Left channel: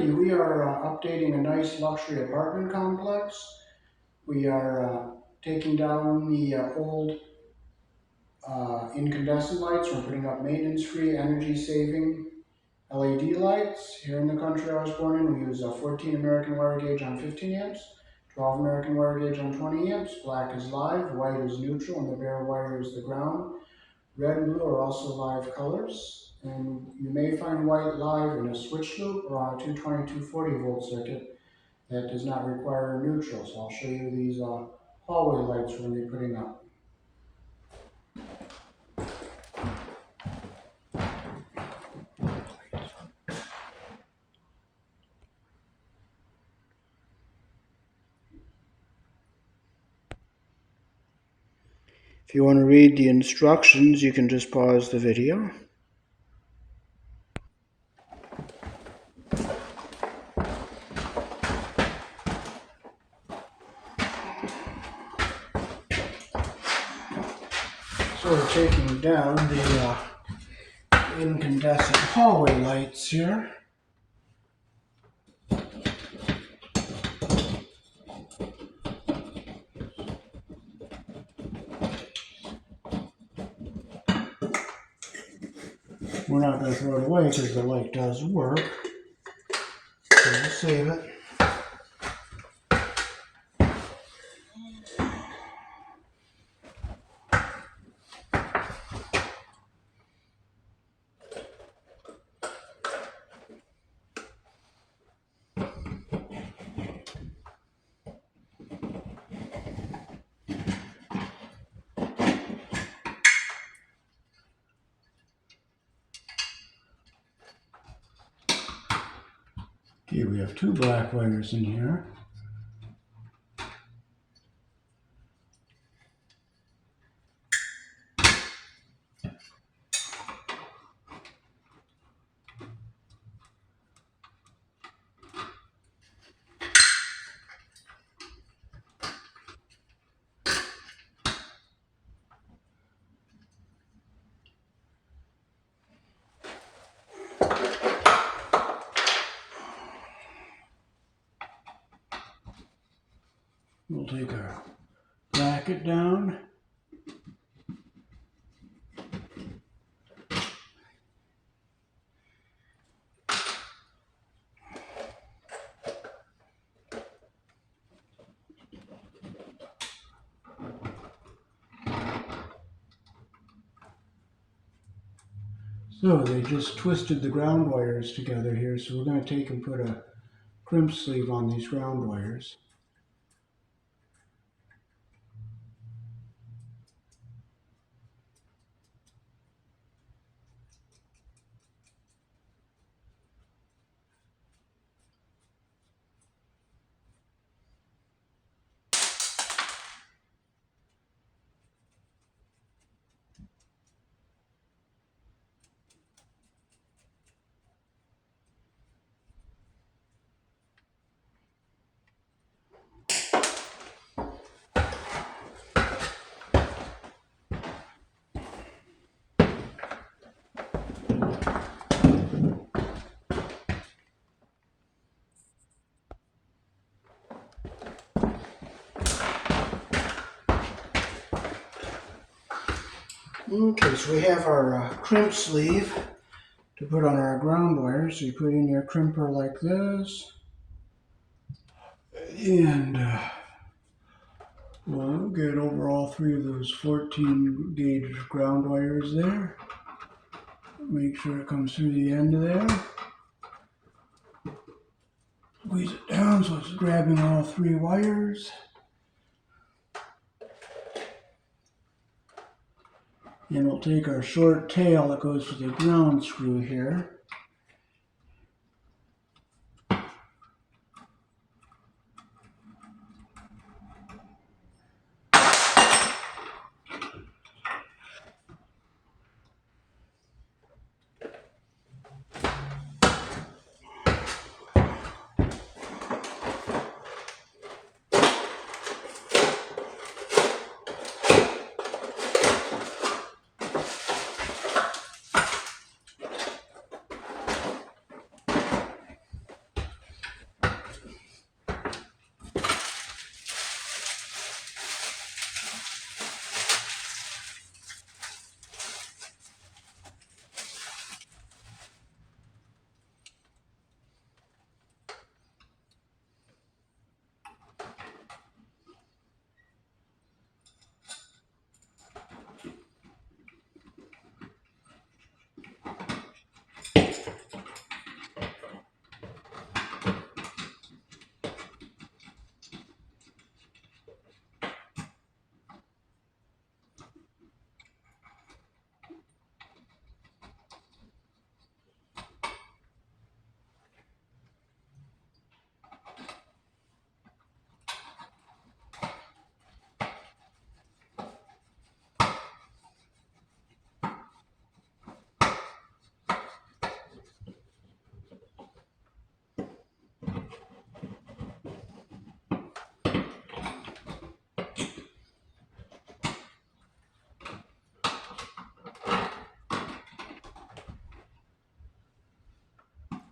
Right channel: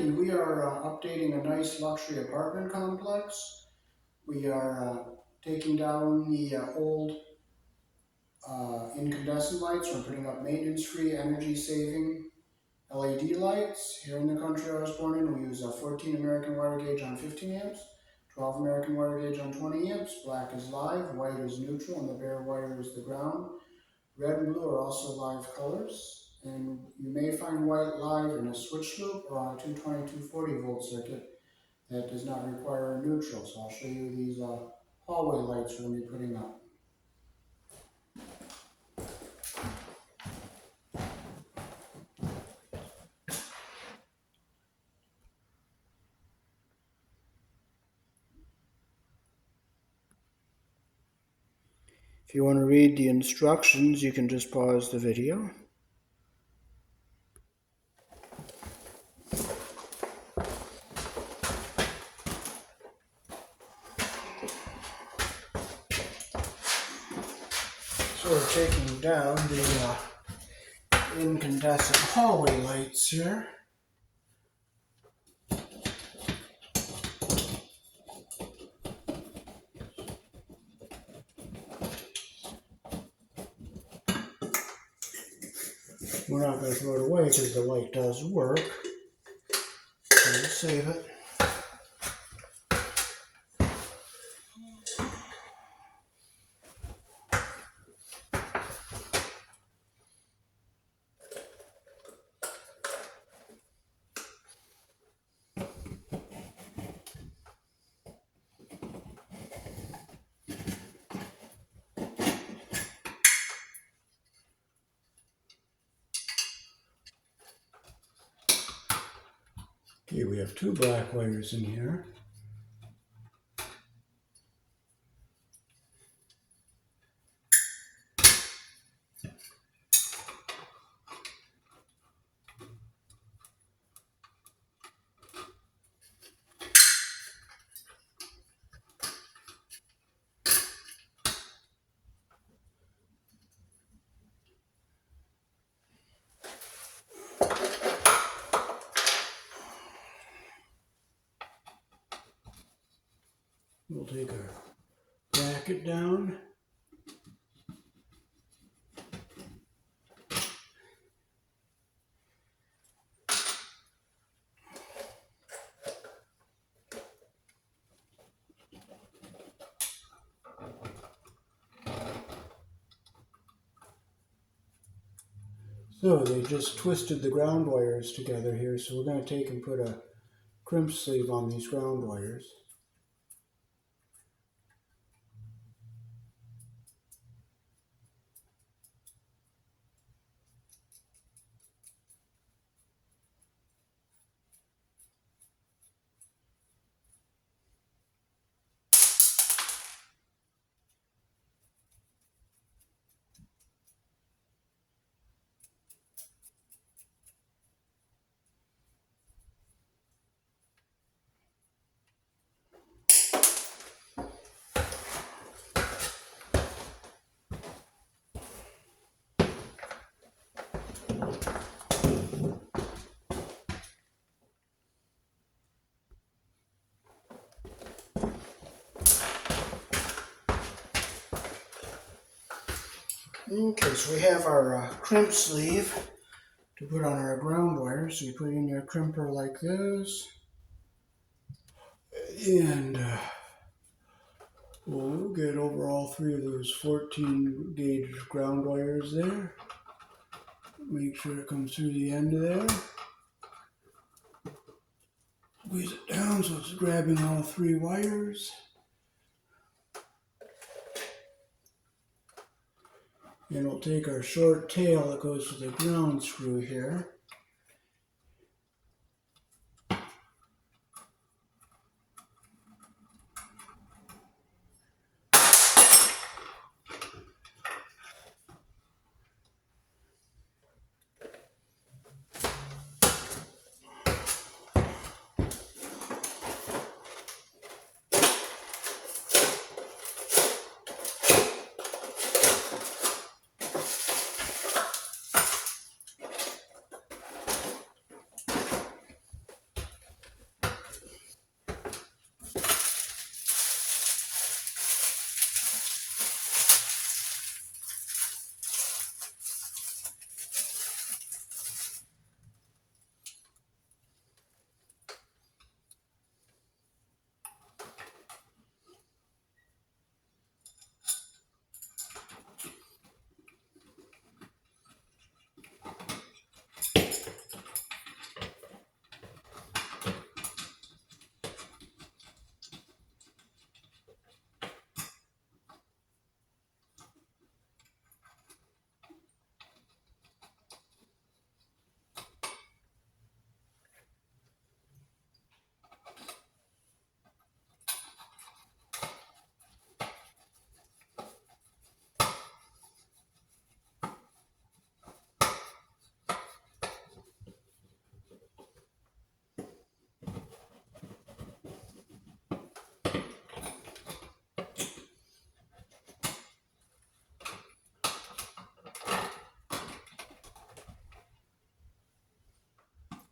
Frankie. We are updating a nice luxury apartment complex. We are taking down the old incandescent lights. We're putting up maintenance-free, energy-saving LED lights. Here in the country I was born in, we use a 14 American wire gauge on 15 amps, 12 American wire gauge on 20 amps. Black is live, white is neutral, and the bare wire is the ground. Red and blue are also live colors, and you may find white live in a switch loop or on a 220-240 volt circuit that does not require a neutral. So I'll show you these hallway lights we're going to be putting up. If you want to read the instructions, you can just pause the video. So we're taking down the incandescent hallway lights here. We're not going to throw it away because the light does work. So we'll save it. Okay, we have two black wires in here. We'll take our bracket down. So they just twisted the ground wires together here, so we're going to take and put a crimp sleeve on these ground wires. Okay, so we have our crimp sleeve to put on our ground wires. So you put in your crimper like this, and we'll get over all three of those 14 gauge ground wires there. Make sure it comes through the end of there. Squeeze it down so it's grabbing all three wires. And we'll take our short tail that goes with the ground screw here.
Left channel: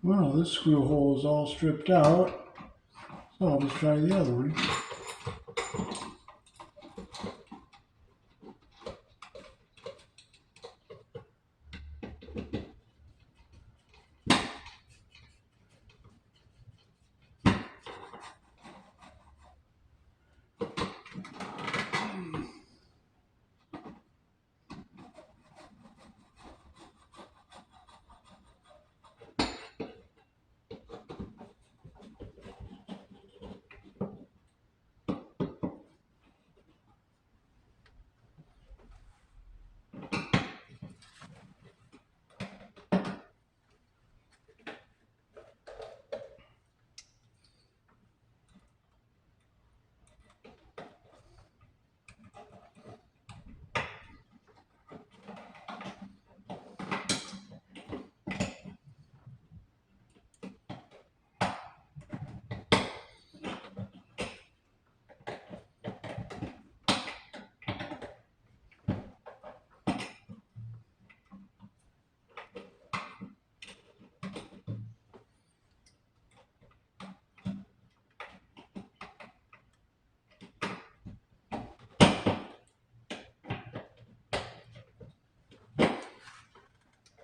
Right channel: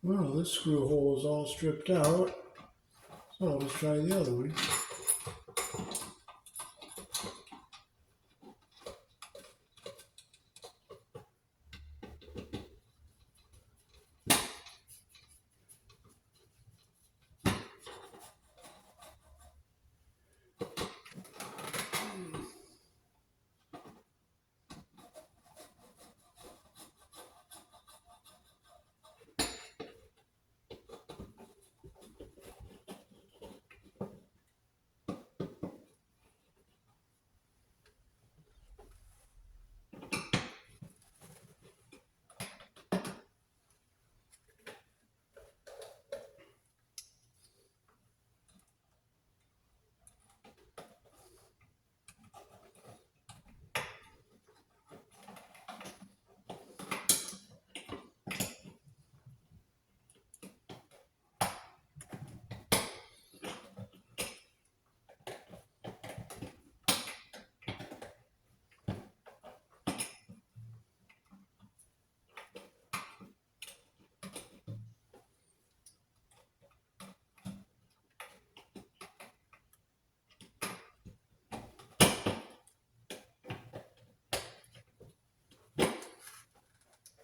Well, this screw hole is all stripped out, so I'll just try the other one.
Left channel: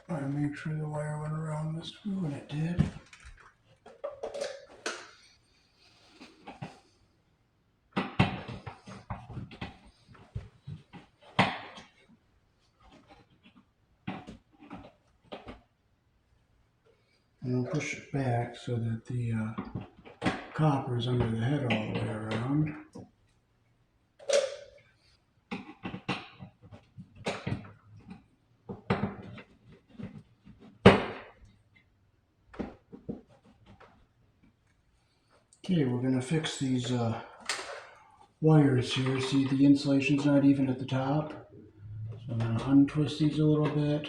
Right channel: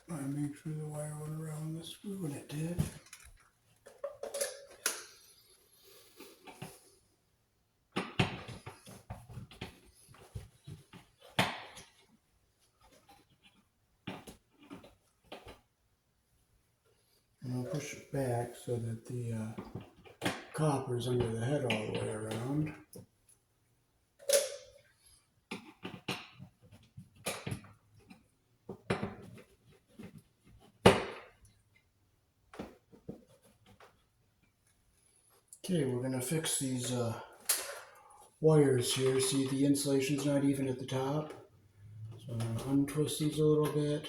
I make sure the wire went around the screw, and it did. And I'll push it back so that the copper is under the head all the way around. Okay, we're going to fix these wires here. See, the insulation's not even at the top. So I'm going to untwist these a little bit.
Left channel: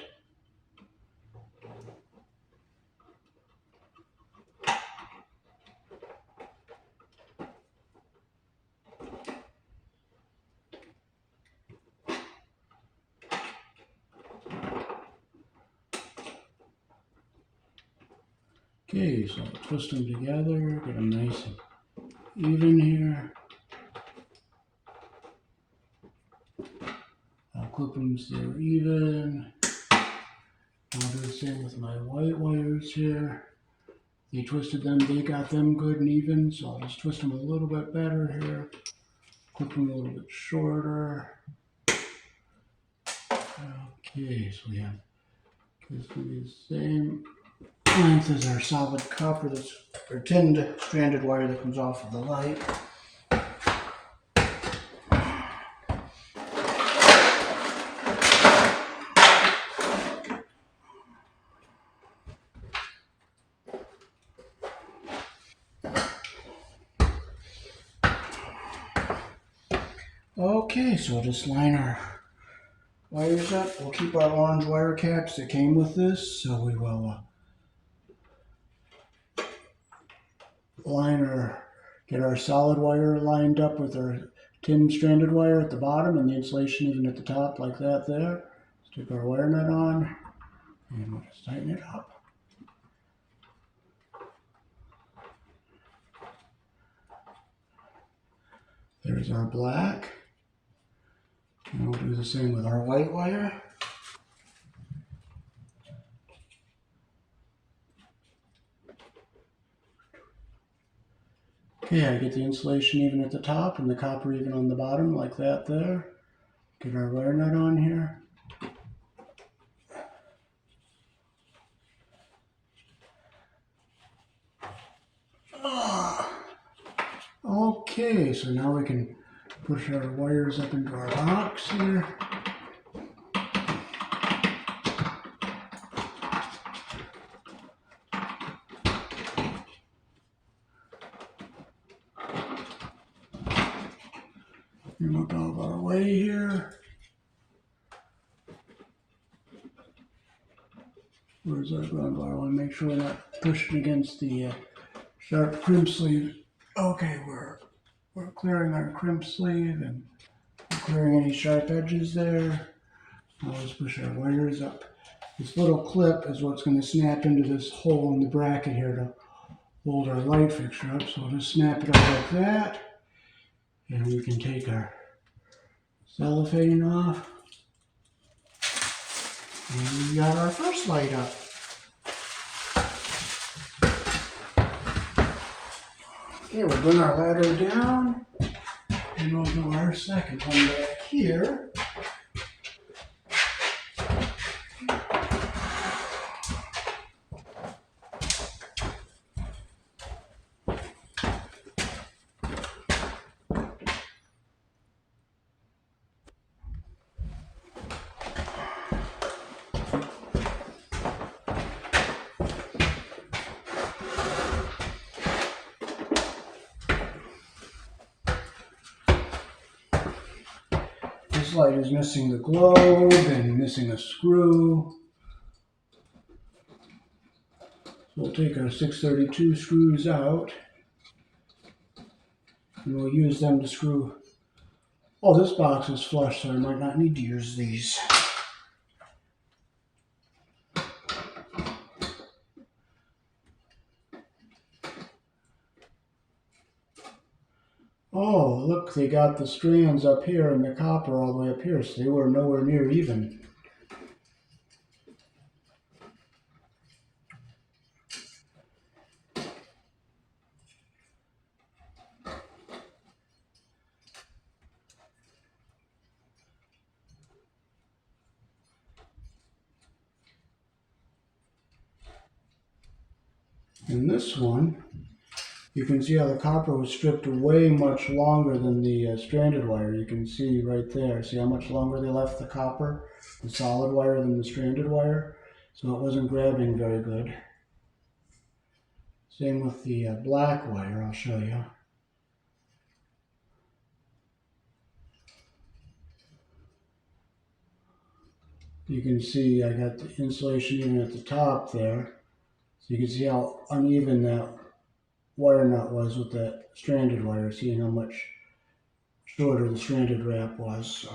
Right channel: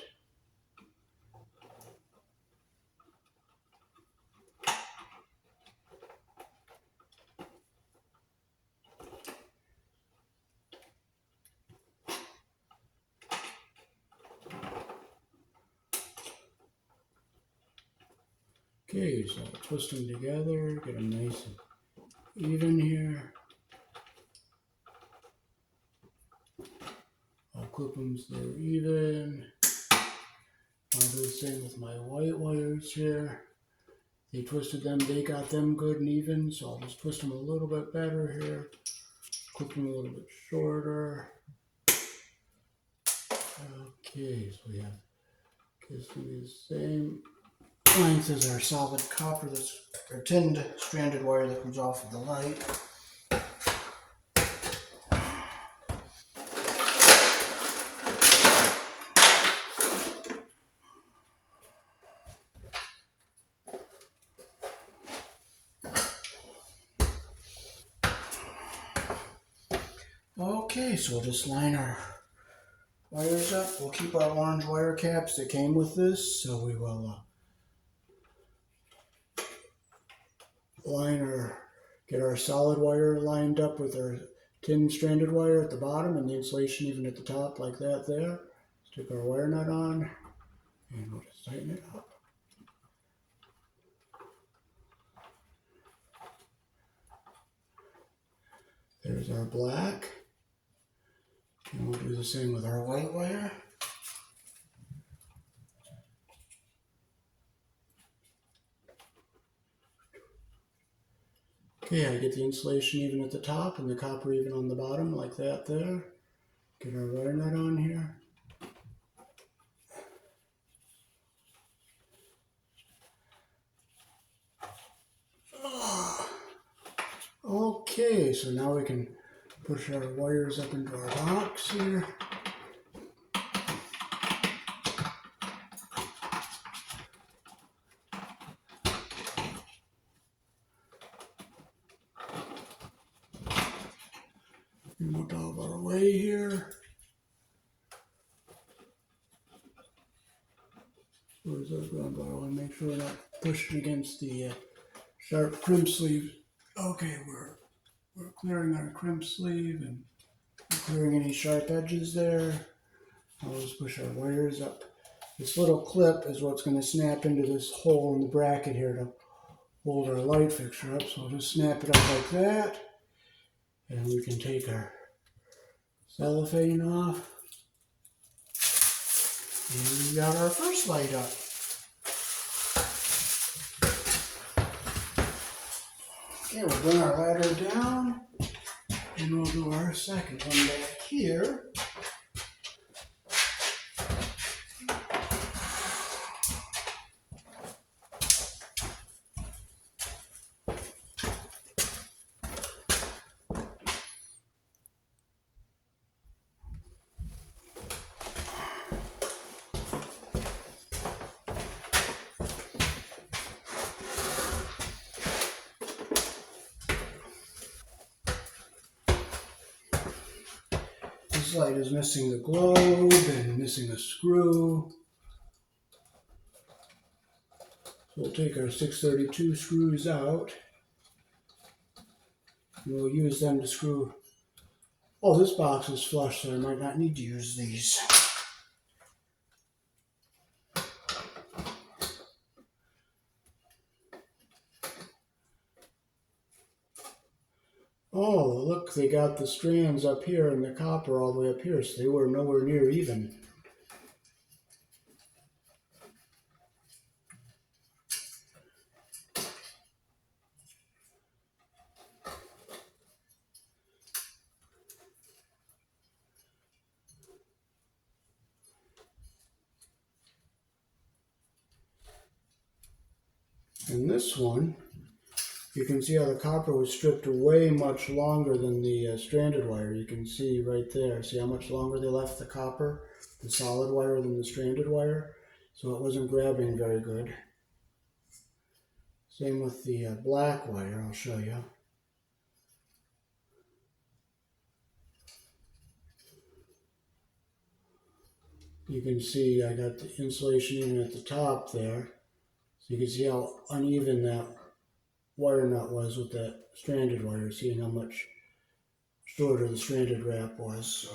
Okay, so I'll twist them together, get them nice and even here. I'll clip them so they're even. I'll do the same with my white wires here. They twisted them, they got them good and even, so I'll just twist them a little bit better here. Clip them a little bit shorter. Okay, so we have this will be the same length as our solid copper, that's our tinned stranded wire that comes off of the light. Okay, so we'll just line our wires up. We'll keep our orange wire caps that came with this, so we will get our solid wire lined up with our tin stranded wire at the bottom and the insulation even at the top like that there. Stick our wire nut on and we'll just tighten it up. There's our black. And we'll do the same with our white wire. Okay, I get the insulation even at the top and the copper even on the bottom like that there. Get our wire nut on here. Okay, so now we can push our wires up into our box here. And look out of our way here. Where's our ground wire? I want to make sure we're not pushing against the sharp crimp sleeve. Okay, we're clearing our crimp sleeve and we're clearing any sharp edges there. Now let's push our wires up This little clip is what's going to snap into this hole in the bracket here to hold our light fixture up. So we'll just snap it up like that. And we can take our cellophane off. And we got our first light up. Okay, we'll bring our ladder down. And we'll do our second one back here. This light is missing the globe and missing a screw. So we'll take our 632 screws out and we'll use them to screw. Oh, this box is flush, so I might not need to use these. Oh, look, they got the strands up here and the copper all the way up here, so they were nowhere near even. In this one, you can see how the copper was stripped way much longer than the stranded wire. You can see right there. See how much longer they left the copper, the solid wire, than the stranded wire? So it wasn't grabbing very good. Same with the black wire, I'll show you. You can see I got the insulation even at the top there. So you can see how uneven that wire nut was with that stranded wire, seeing how much shorter the stranded wrap was. So.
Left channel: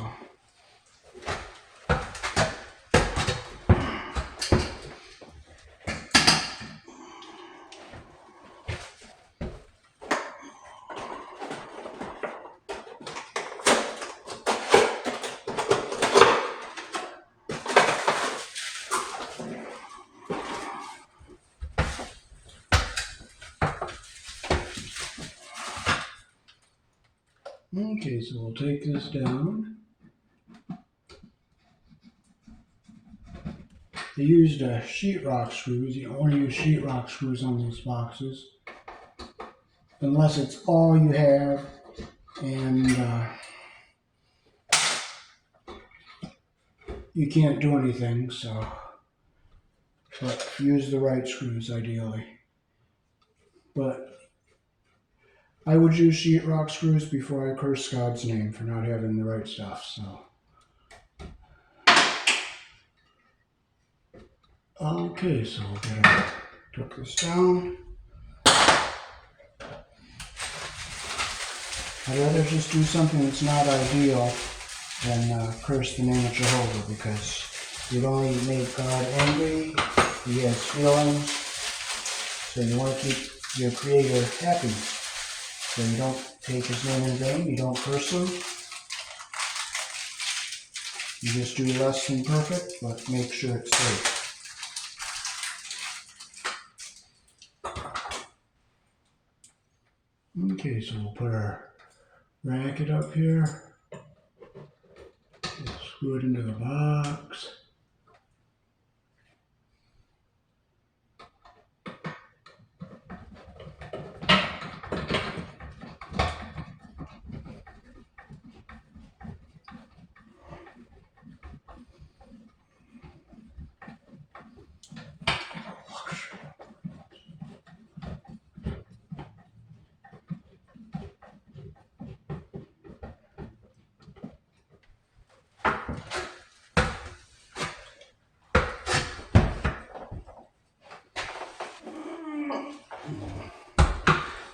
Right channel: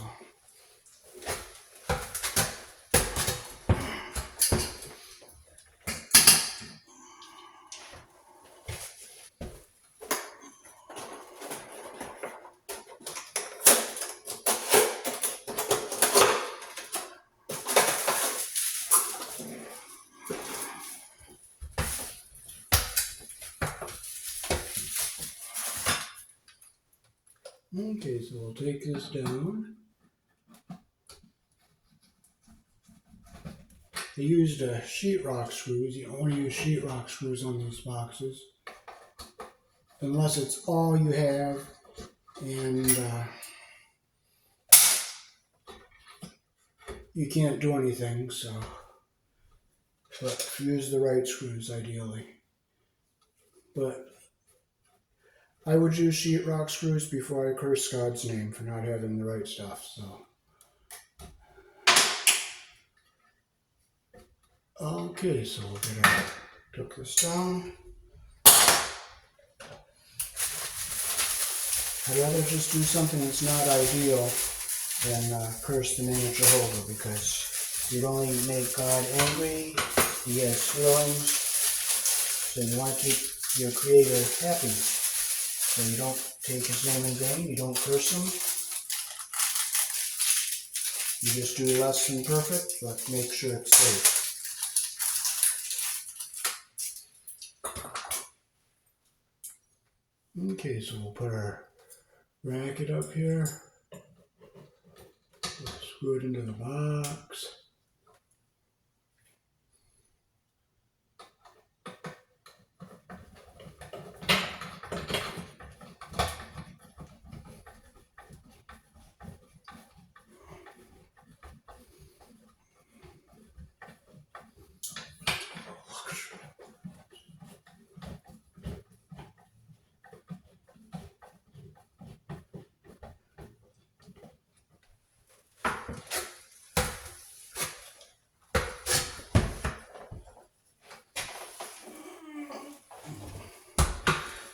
Okay, so we'll take this down. They used sheetrock screws. You only use sheetrock screws on these boxes, unless it's all you have, and you can't do anything. So, but use the right screws ideally. But I would use sheetrock screws before I curse God's name for not having the right stuff, so. Okay, so we'll get tuck this down. I'd rather just do something that's not ideal than curse the name of Jehovah, because you don't only make God angry, he has feelings, so you want to keep your Creator happy. So you don't take his name in vain, you don't curse him. You just do less than perfect, but make sure it's safe. Okay, so we'll put our bracket up here. We'll screw it into the box.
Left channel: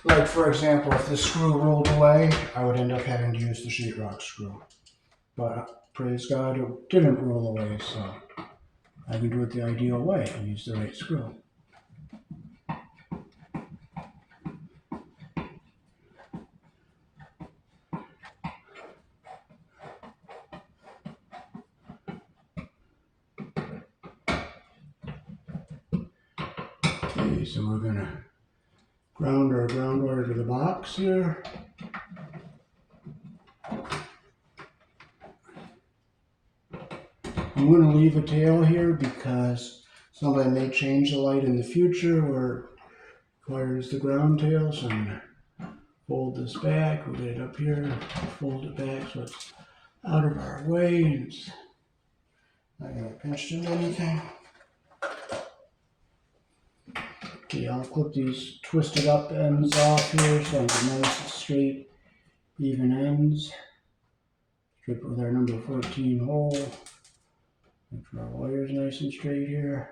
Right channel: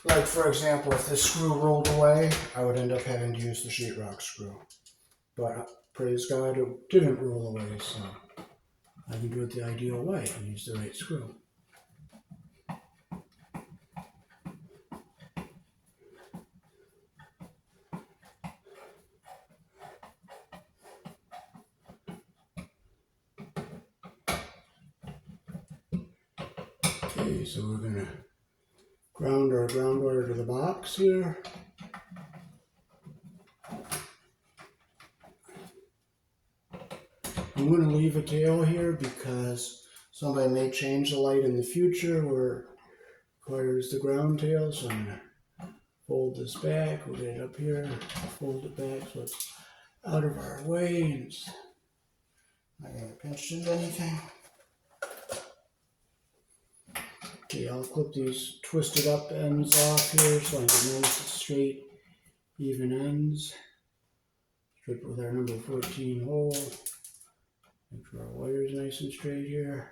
Like, for example, if this screw rolled away, I would end up having to use the sheetrock screw. But praise God, it didn't roll away, so. I can do it the ideal way and use the right screw. Okay, so we're going to ground our ground wire to the box here. I'm going to leave a tail here because somebody may change the light in the future where it requires the ground tail. So I'm going to fold this back, we'll get it up here, fold it back so it's out of our way and it's not going to get pinched into anything. Okay, I'll clip these twisted up ends off here so I get nice, straight, even ends. Strip with our number 14 hole. Make sure our wire's nice and straight here.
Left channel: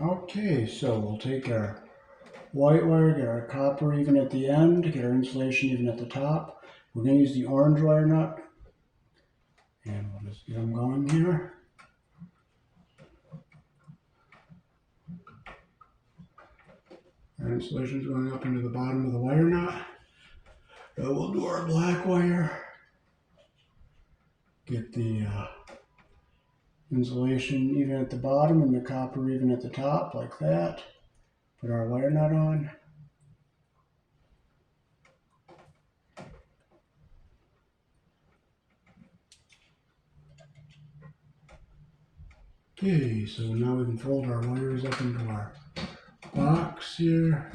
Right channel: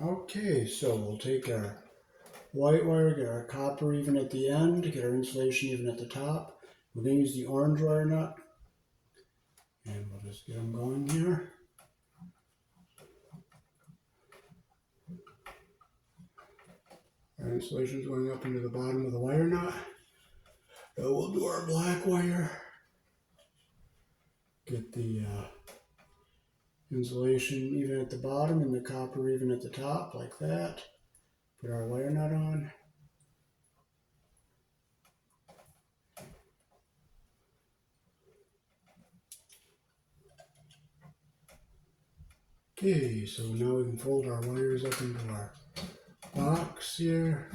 Okay, so we'll take our white wire, get our copper even at the end, get our insulation even at the top. We're going to use the orange wire nut, and we'll just get them going here. Our insulation is going up into the bottom of the wire nut. Now we'll do our black wire. Get the insulation even at the bottom and the copper even at the top, like that. Put our wire nut on. Okay, so now we can fold our wires up into our box here.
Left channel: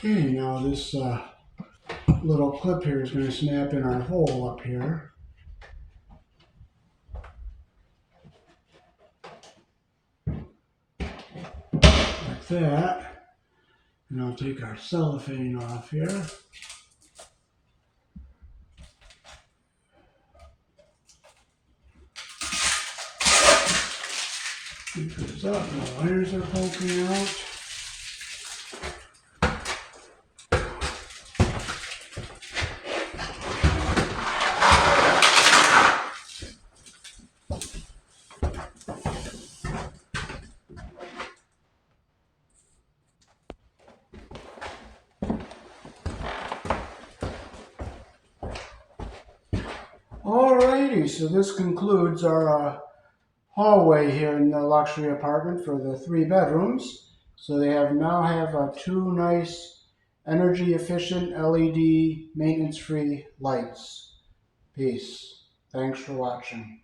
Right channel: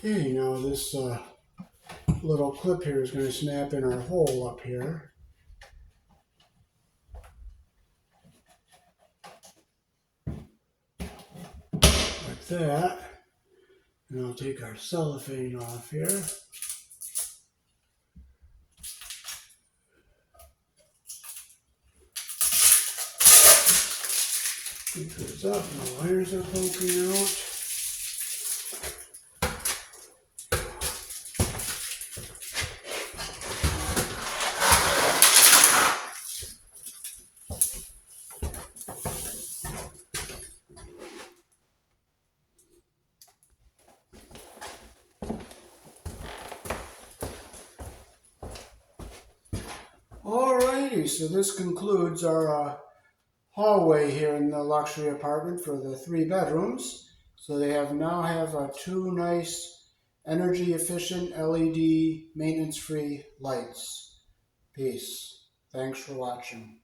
Okay, now this little clip here is going to snap in our hole up here. Like that. And I'll take our cellophane off here. Keep this up, the wires are poking out. Alrighty, so this concludes our hallway here in the luxury apartment for the 3 bedrooms. So they now have 2 nice energy efficient LED maintenance free lights. Peace. Thanks for watching.